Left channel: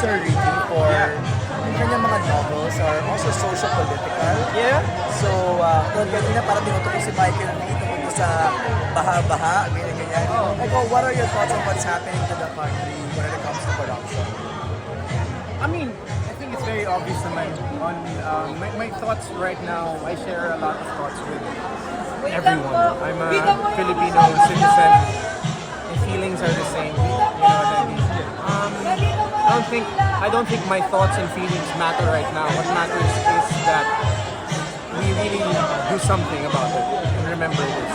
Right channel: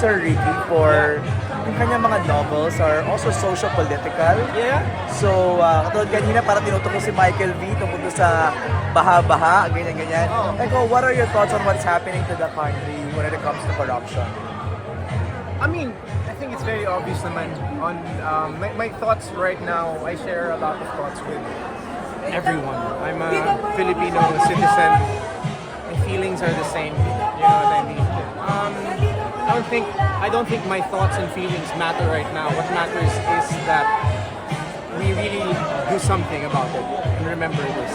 Sir Ricky for yung kanyang mga novels are also social political. Yeah. So, kanina parang tinutukoy si Michael V tungkol sa baha-baha, ganyan-ganyan. Oh. Like, what are your thoughts on what's happening to the country when it comes to corruption? I mean, I think it's very obvious naman on my thoughts right now. I share a lot of thoughts with everyone. I'm a Filipino citizen. My feelings are the same. You know what I mean? I don't think my thoughts and feelings matter right now. What matters is that we really do something about it and remember this,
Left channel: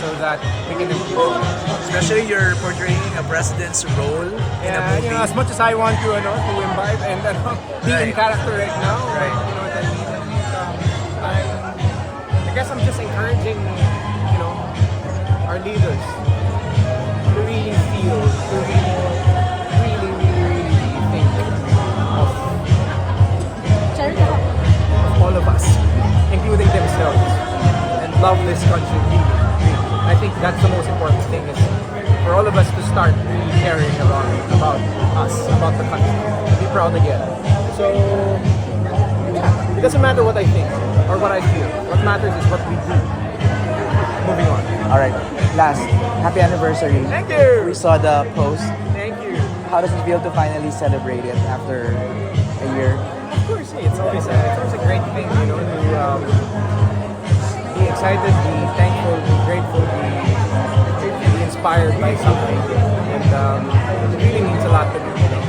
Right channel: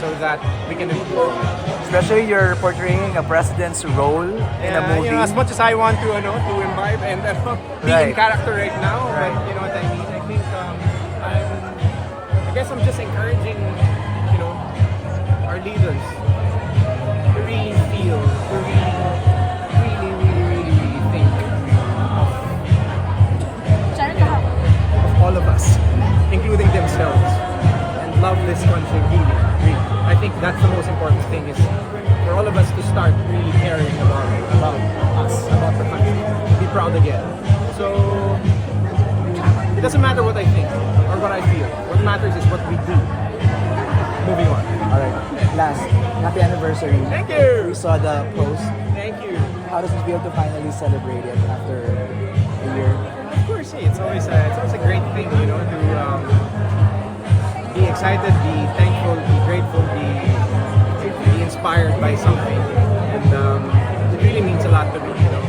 so that we can improve on it. Especially you're portraying a president's role in a movie. You know, as much as I want to, to imbibe and be in Right. character right now, Right. but you know what I mean. I think I guess I'm just encouraging, our leaders to really feel, to really think of, of all of us, including themselves, and love this country really. I think that's the most important thing, is for all of us to start really caring about us, about the country, to be proud again. So, yeah, it doesn't matter what I think or what I feel. What matters is what we do. Moving on. Alright, last, happy anniversary. Thank you! We saw the post. Thank you. How does it feel to finally celebrate it after a year? Of course, it's always a great thing, to be excited, be thankful, be grateful, be inspired by something, and it really means a lot to me, to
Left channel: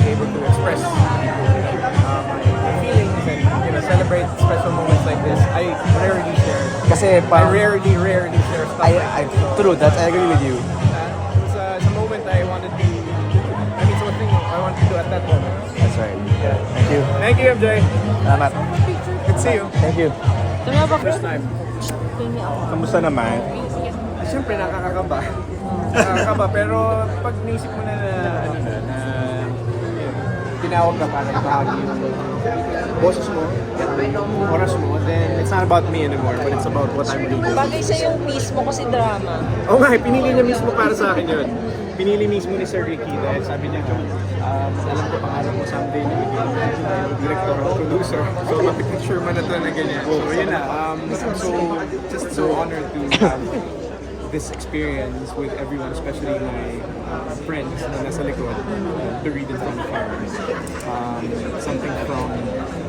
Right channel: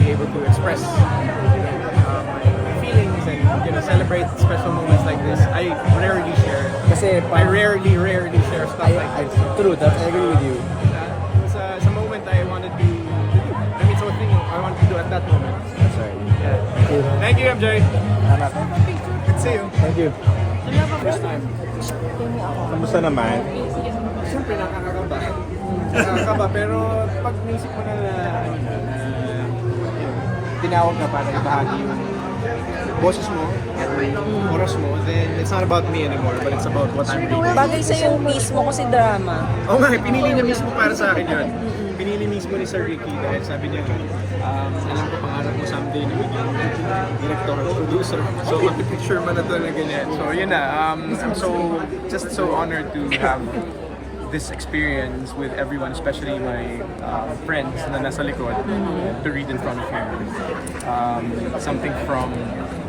be able to express, my feelings and celebrate special moments like this. I rarely share. Kasi I rarely share stuff like this. So, true, that I agree with you. It was it's a moment I wanted to do. I mean, it's a thing I wanted to do at that moment. That's right. Yeah. Thank you. Thank you, MJ. Salamat. Good to see you. Thank you. First time. Kamusta naman? Siyempre nakakakaba. Nakakakaba, pero pag music mo na tinawag ka para ibahagi yung boses mo, yung oras mo, then it's not about me anymore, but it's about what I'm doing. Bagay sa yung mismo kasi drama. Oo nga, pinili niya mismo para sa akin yun. Pinili mismo ni Sir Ricky dahil sabi niya, alam ko pangarap mo someday na maging director or producer. So mapipicture mo na to na ganyan. So yun na, I'm just so honored to have this experience with everyone, especially my friends na nasa likod, to read in front of him. Something from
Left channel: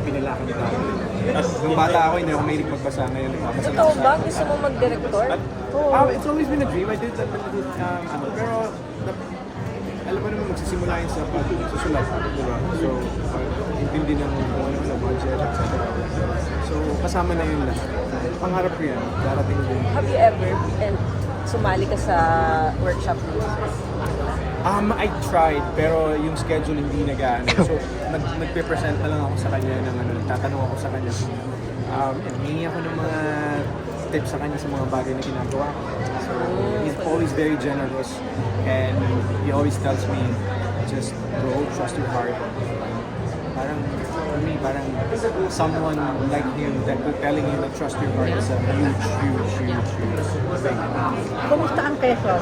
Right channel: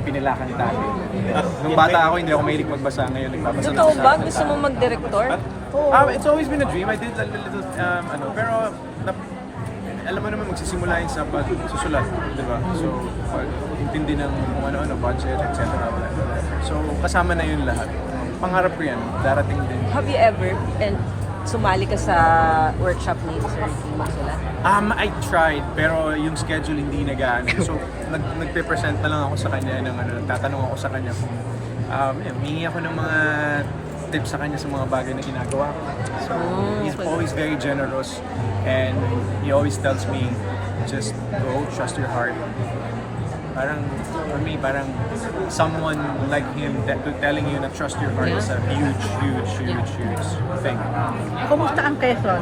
Pinilakan ni Tati. Nung bata ako, hindi ako mahilig magbasa. Ngayon, nagbabasa na ako sa Gusto mo mag-director? It's always been a dream. I did a little, pero alam mo naman magsisimula yun sa pagsusulat, di ba? So, intindi ng kung ano-ano, budget, etc. So, kasama na yun lahat. Pangarap ko yan, darating din. Have you ever sumali ka sa workshop ni Sir? I tried, pero yung schedule hindi nag-aano. So, nagpe-present na lang ako sa kanya ng nagtatanong ako sa kanya kung hingi ako ng mga tips sa kanya sa mga bagay na ginagawa ko. So, he's always very generous, and he always tells me, just go, trust your heart. Parang, for me, parang someone like him telling you na trust your heart is a huge thing. Kumusta ang keso?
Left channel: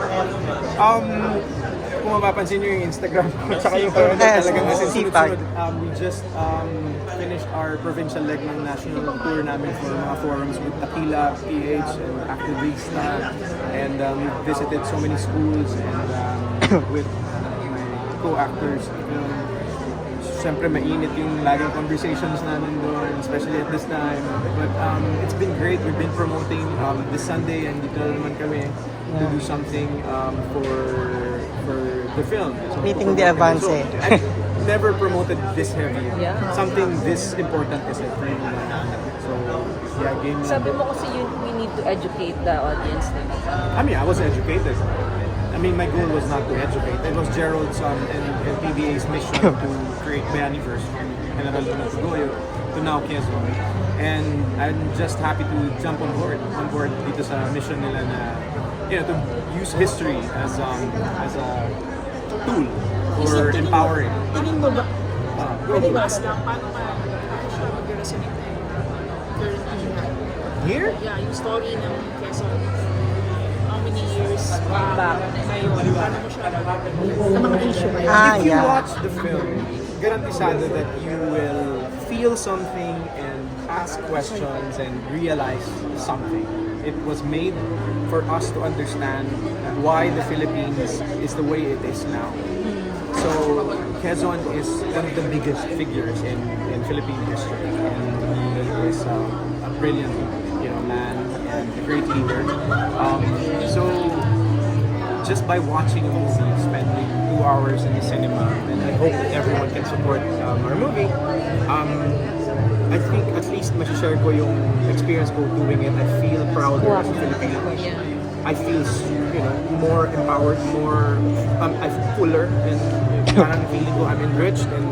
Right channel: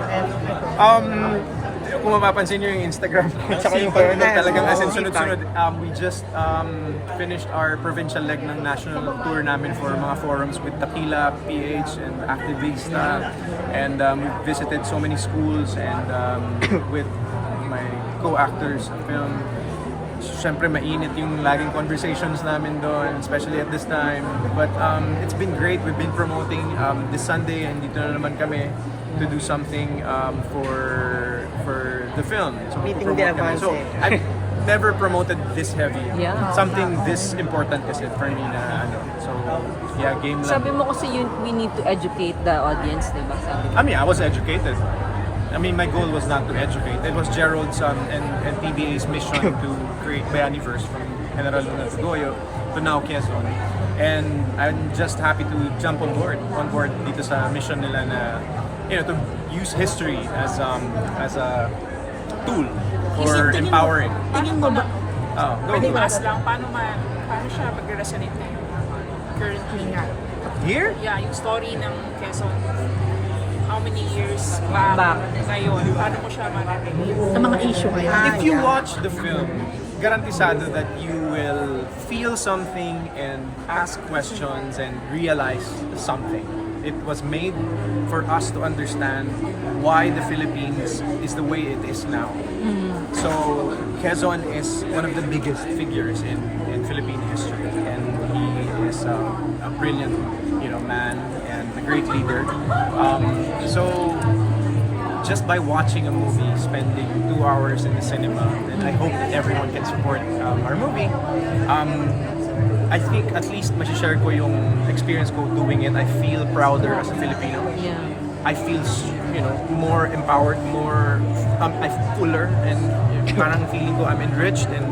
Kung mapapansin nyo yung Instagram ko, tsaka yung talagang as in sunod-sunod, we just finished our provincial leg ng national tour namin for mga forums with Tequila, PH, and Activista, and we visited so many schools, and with my co-actors sa film. Siyempre mainit yung laging conversations namin doon, especially at this time. But it's been great. We've been promoting this Sunday, and dito na naman kami to do something for the film. So, Meeting the advance. So, I've never promoted this heavy. Something this important kasi for me na So, yeah, game lang. Sabi mo kasi we need to educate the audience, diba? I mean, I was educated. I mean, my goal was not to educate. It was Gerald's and PBA's mission to create Bayaniverse from General Luna to Goyo to now Quezon. And I'm just happy to jump on board dito sa mission nila na, to use history as a tool for empowering. Tingin mo ba? Go. Mas lang, paano siya mag-resonate currently nga? Here? Yeah, yung story ng Quezon. How many years kayo? Paano mo siya ang mga mo yun. If you watch the film, garantisado that you will feel something and ask questions and realize something. It was made for us to understand why the Philippines is the way it is now. So Quezon is one of the biggest figures in Philippine history, and he is a brilliant, man and a great leader. So just by watching a movie, spending 2 hours in the cinema, and I hope that everyone can support our movie. I think at least masishare ko yung experience ko doing it. I feel prouder as a Filipino. I feel, more empowered, more, I'm fuller, and parang feeling ko I'm enriched, and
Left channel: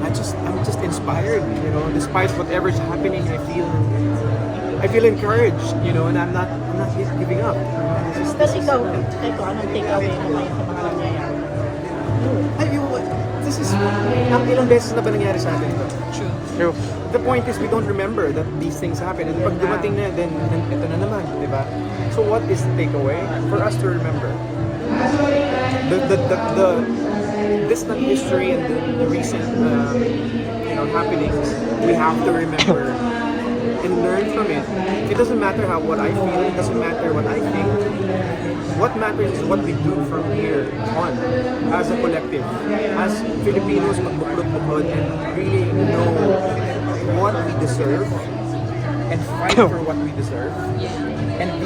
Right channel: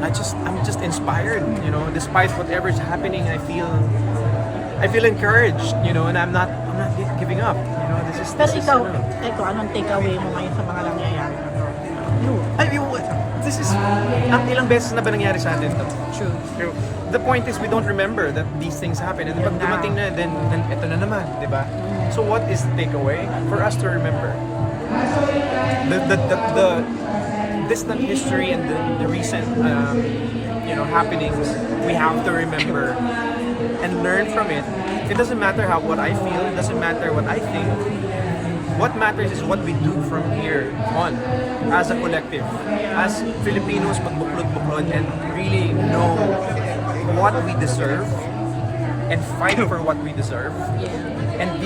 I'm just inspired. Despite whatever's happening, I feel encouraged. And I'm not giving up. This is. Anong take away mo sa mga nangyayari? This is ilang beses na ba nangyari sa atin to? True. Pero the point is we don't remember that these things happen, and pag dumating na, then eto na naman, di ba? So what is the takeaway? For us to remember the distant history and the recent happenings. We have to remember and learn from it. It doesn't matter what I feel, it doesn't matter what I think. What matters is what we do from here on as a collective. As Filipinos, magbuklod-buklod and really know what we deserve and fight for what we deserve. And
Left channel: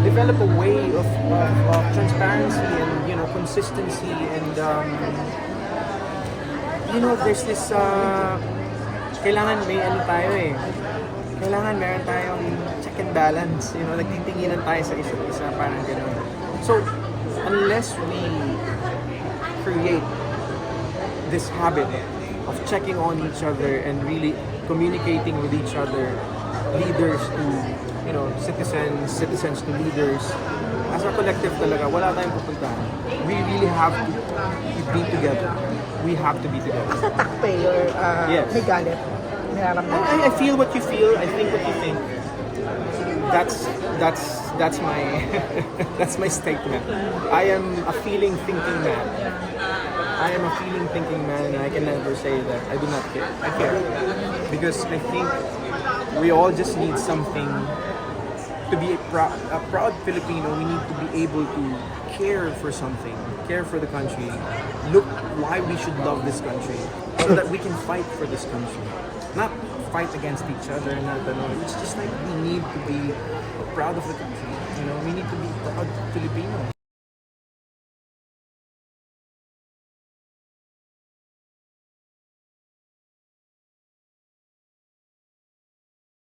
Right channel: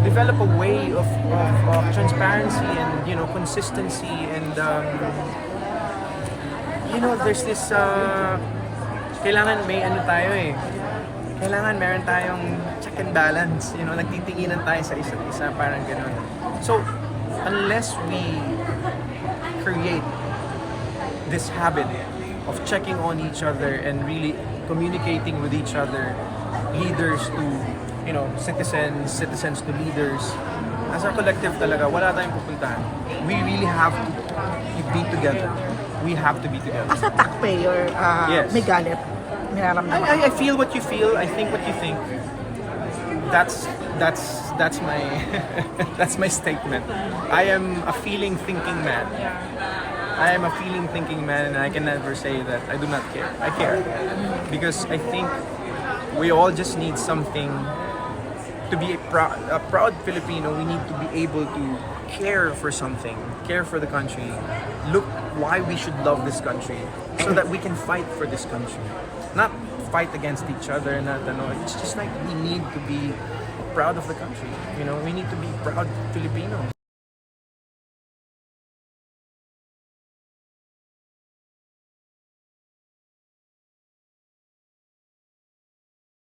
develop a way of transparency and consistency, and there's this kailangan may tayo eh. Kailangan meron tayong check and balance, nagtitinginan tayo sa isa't isa, parang gano'n. So, unless we create this habit of checking on each other and really communicating with each other, leaders to, citizens to leaders, as a collective talaga, wala tayong pupuntahan. We really have to be together. We have to be together. As a taxpayer, Yes. may galit. I feel what you feel. I think what you think. That's my that's my statement. I am a feeling, thinking man. I am a feeling, thinking man, and I can never say that I do not care. I care because I think we all just need something to be a proud Filipino. We need to be able to care for something, care for the country. Look why we should love this country, so that we can fight for this country. Not fight against each other, it's just like we need to be proud of the country. We need to be proud Filipinos.